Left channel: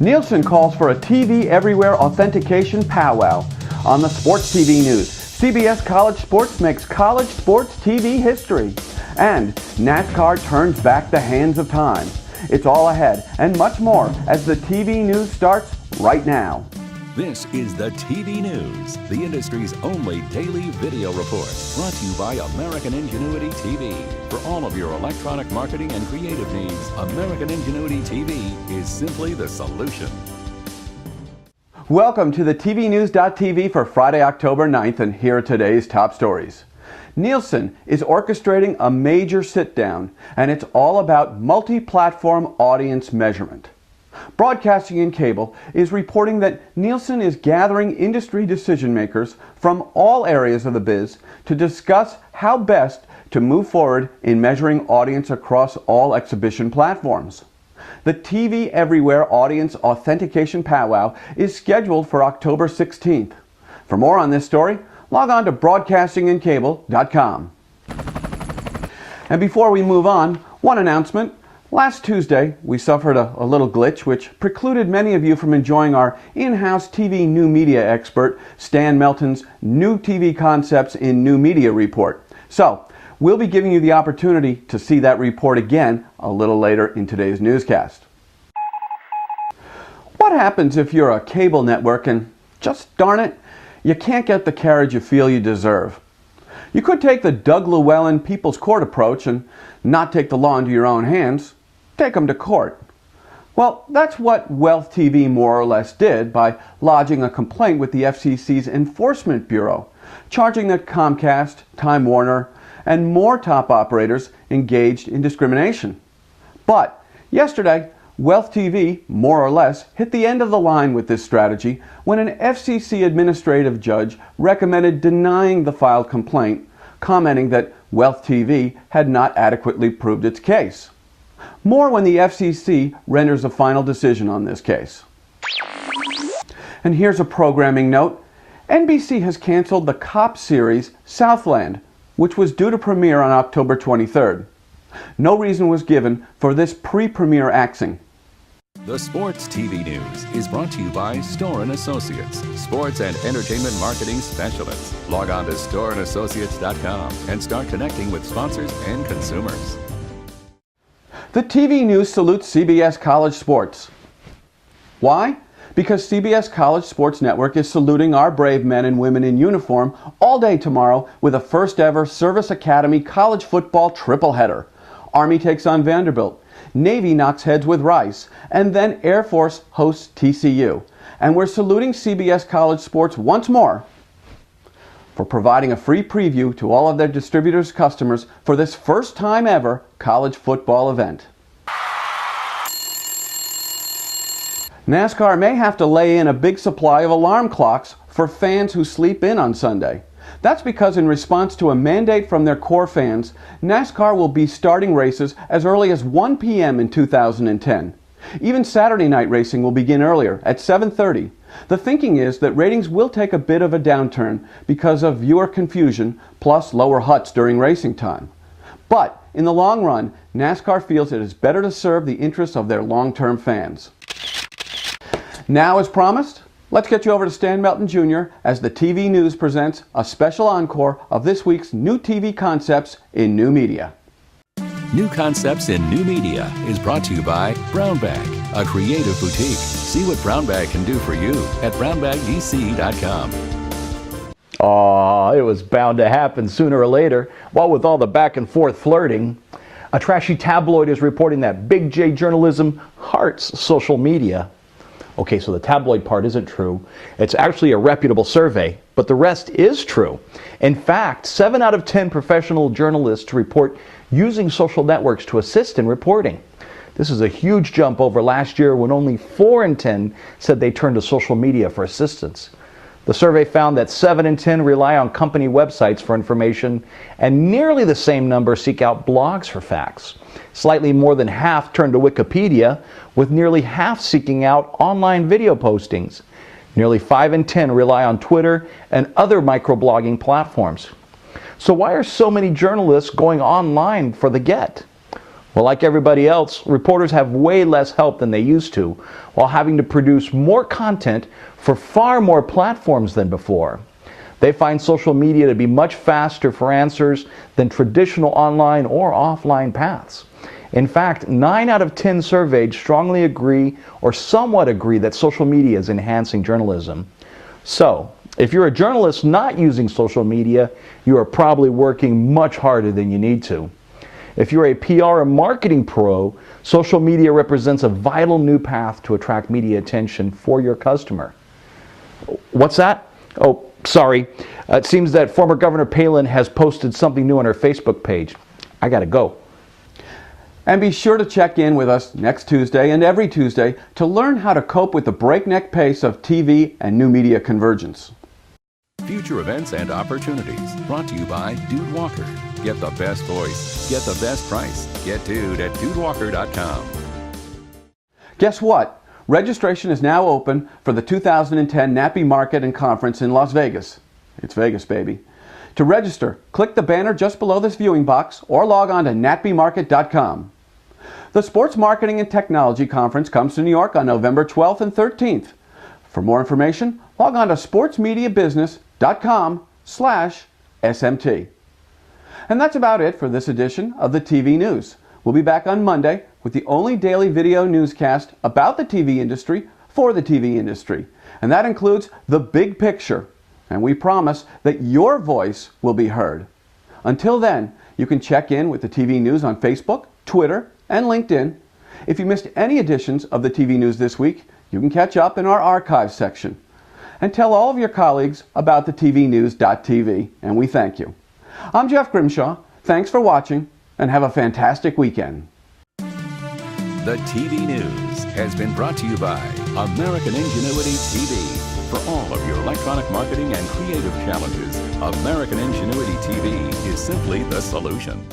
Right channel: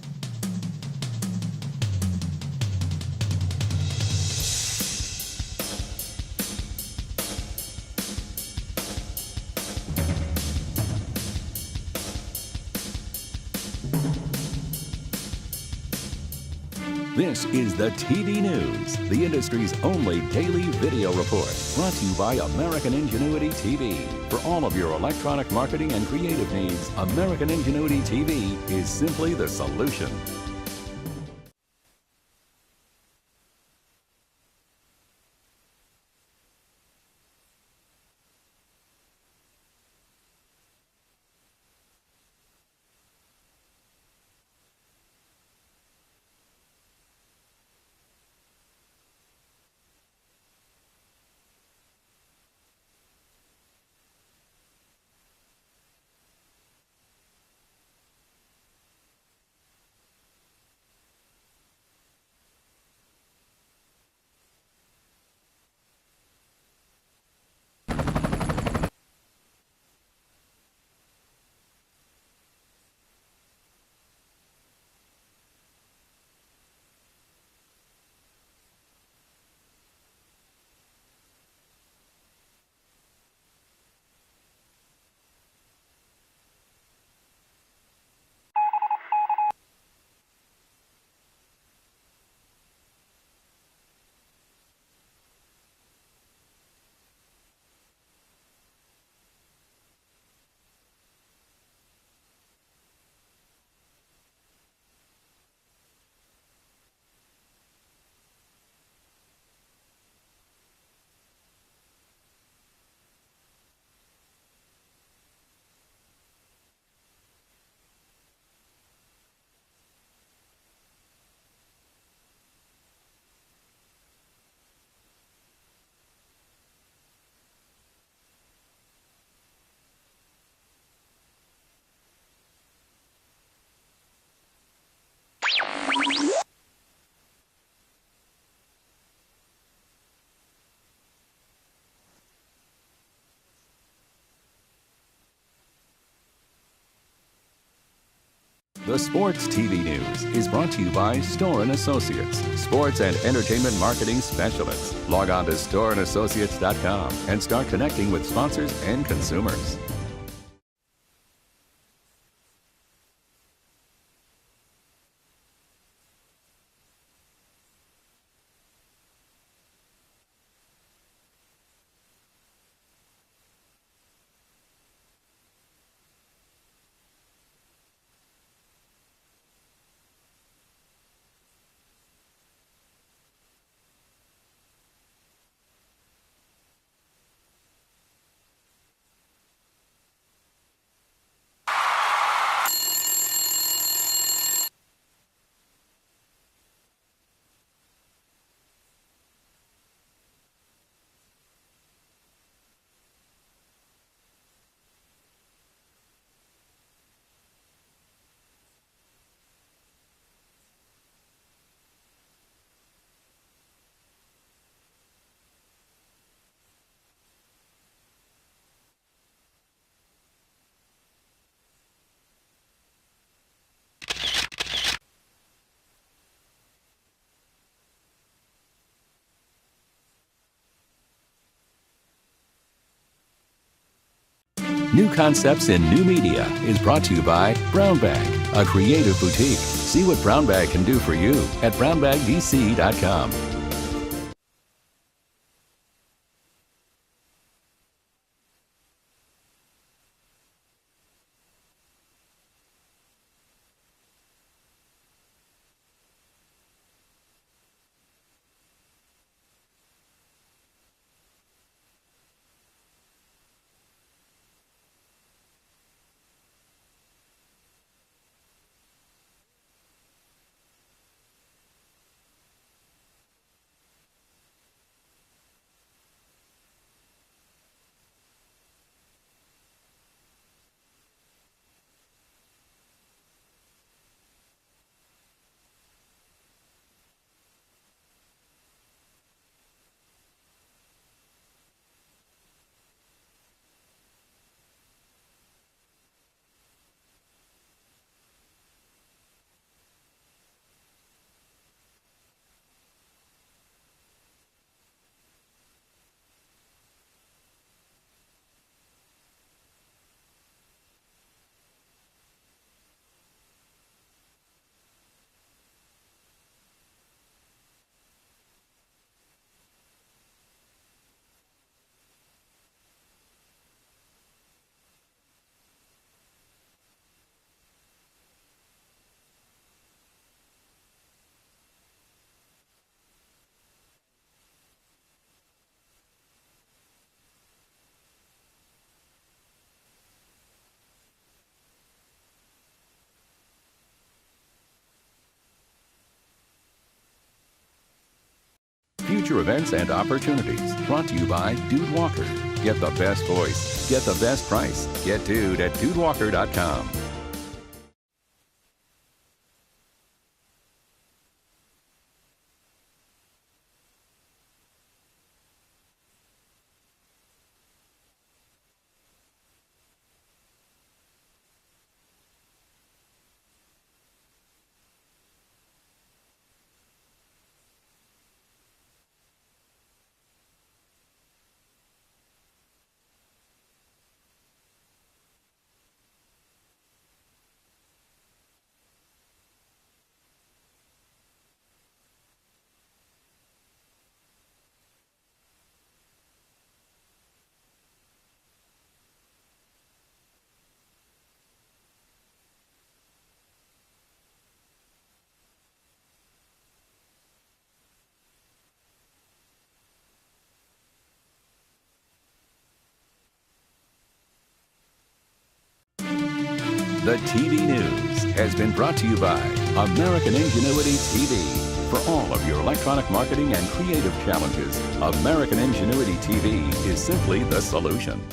Nielsen calls for a TV Everywhere authentication powwow. On the Sports TV News, CBS College Sports makes college sports TV history. And NASCAR turns back the hands of time. It's all ahead and much more as the TV News starts right now. This is the TV News, the industry's only daily video report, brought to you by American Ingenuity TV. For all of your electronic marketing and creative needs, American Ingenuity TV is simply the solution. Welcome to the TVNews.TV for Friday, October 9th, and here are today's top stories. Nielsen is orchestrating a major sit-down, and it's all about multi-platform audience measurement. Broadcasting and Cable is reporting that Nielsen is gathering industry decision makers from all areas of the biz to discuss how best to move forward in measuring audience across all exhibition platforms. The TV Everywhere Audience Authentication Powwow is scheduled for October 16th. For more on this story, log on to broadcastingandcable.com. And before we move on, one announcement. Last Tuesday, we suffered a little glitch which precluded many of you from enjoying our in-house TV new media expert, Stan Melton's New TV Concepts in New Media report. So, we'll be giving you the opportunity to see that report again a little later in today's newscast. What happens if you're a cable network and, just darn it, you can't get the carriage you feel you deserve? You could take the Doug Llewellyn People's Court approach and not take the law into your own hands. Take them to court. Well, that's what Wealth TV more or less did by lodging a complaint with the FCC's Enforcement Bureau, charging that Comcast, Time Warner, and more top operators engaged in discrimination. But yesterday, Wealth TV, more or less, hit the end of the line with this strategy when an FCC administrative judge recommended denying the filed complaint, commenting that Wealth TV had not adequately proved its case. More when the FCC renders a final decision on this case. And here's a programming note. NBC has canceled the cop series Southland, which was due to premiere on October 23rd. No reason was given for this pre-premiere axing. The Sports TV News is brought to you by Store & Associates, sports and entertainment marketing specialists. Log on to storeandassociates.com and start connecting with sponsors and consumers. The TV News salutes CBS College Sports. Why? Because CBS College Sports Network is saluting our brave men and women in uniform all day tomorrow with a first ever Service Academy college football triple header. Army takes on Vanderbilt, Navy knocks heads with Rice, and then Air Force hosts TCU. And we're saluting CBS College Sports once more for providing a free preview to all of their distributors' customers for this first time ever college football event. NASCAR may have to lay in a big supply of alarm clocks for fans who sleep in on Sunday. That's because in response to a mandate from their core fans, NASCAR will be starting races as early as 1 p.m. in 2010. Even Saturday night racing will begin earlier, at 7:30. The thinking is that ratings will take a bit of a downturn because of viewer confusion plus lower huts during racing time. But in the long run, NASCAR feels it is better to serve the interests of their long-term fans. Now, as promised, let's get you over to Stan Melton Jr. as the TV News presents a special encore of this week's New TV Concepts in New Media. New Concepts in New Media is brought to you by Brown Bag, a creative boutique. See what Brown Bag can do for you at brownbagdc.com. Aw, it was bound to happen sooner or later. What with all the back and forth flirting. A trashy tabloid is reporting that Big J journalism hearts social media. Okay, so the tabloid part isn't true. It's actually a reputable survey, but the rest is true. In fact, 7 out of 10 professional journalists report using social networks to assist in reporting. This is a huge jump over last year when only 4 in 10 said they turned to social media for assistance. The survey found that 7 in 10 rely on company websites for information, and nearly the same number seek out blogs for facts. Slightly more than half turn to Wikipedia, with nearly half seeking out online video postings. Nearly 5 in 10 rely on Twitter and other microblogging platforms. So why are so many journalists going online for the get? Well, like everybody else, reporters have way less help than they used to, while having to produce more content for far more platforms than before. They find social media to be much faster for answers than traditional online or offline paths. In fact, 9 out of 10 surveyed strongly agree or somewhat agree that social media is enhancing journalism. So, if you're a journalist not using social media, you are probably working much harder than you need to. If you're a PR and marketing pro, social media represents a vital new path to attract media attention for your customer. What's that? Oh, sorry. It seems that former Governor Palin has posted something new on her Facebook page. I gotta go. And be sure to check in with us next Tuesday and every Tuesday to learn how to cope with the breakneck pace of TV and new media convergence. Future events and opportunities brought to you by Dude Walker. Get the best voice. Get the best price. Get Dude at DudeWalker.com. Guess what? Registration is now open for the 2010 NAPI Market and Conference in Las Vegas. It's Vegas, baby. To register, click the banner just below this viewing box or log on to NAPIMarket.com. The Sports Marketing and Technology Conference comes to New York on November 12th and 13th. For more information, log on to sportsmediabusiness.com/SMT. And that's about it for this edition of the TV News. We'll be back on Monday with the only daily video newscast about the TV industry for the TV industry. And that includes the big picture. And we promise that your voice will be heard. Until then, you can check in with the TV News on Facebook, Twitter, and LinkedIn. If you missed any editions of the TV News this week, you can catch up in our archives section. And tell all of your colleagues about the TVNews.tv, and we thank you. I'm Jeff Grimshaw. Thanks for watching, and have a fantastic weekend. The TV News has been brought to you by American Ingenuity TV. For all of your electronic marketing and creative challenges, American Ingenuity TV is simply the solution.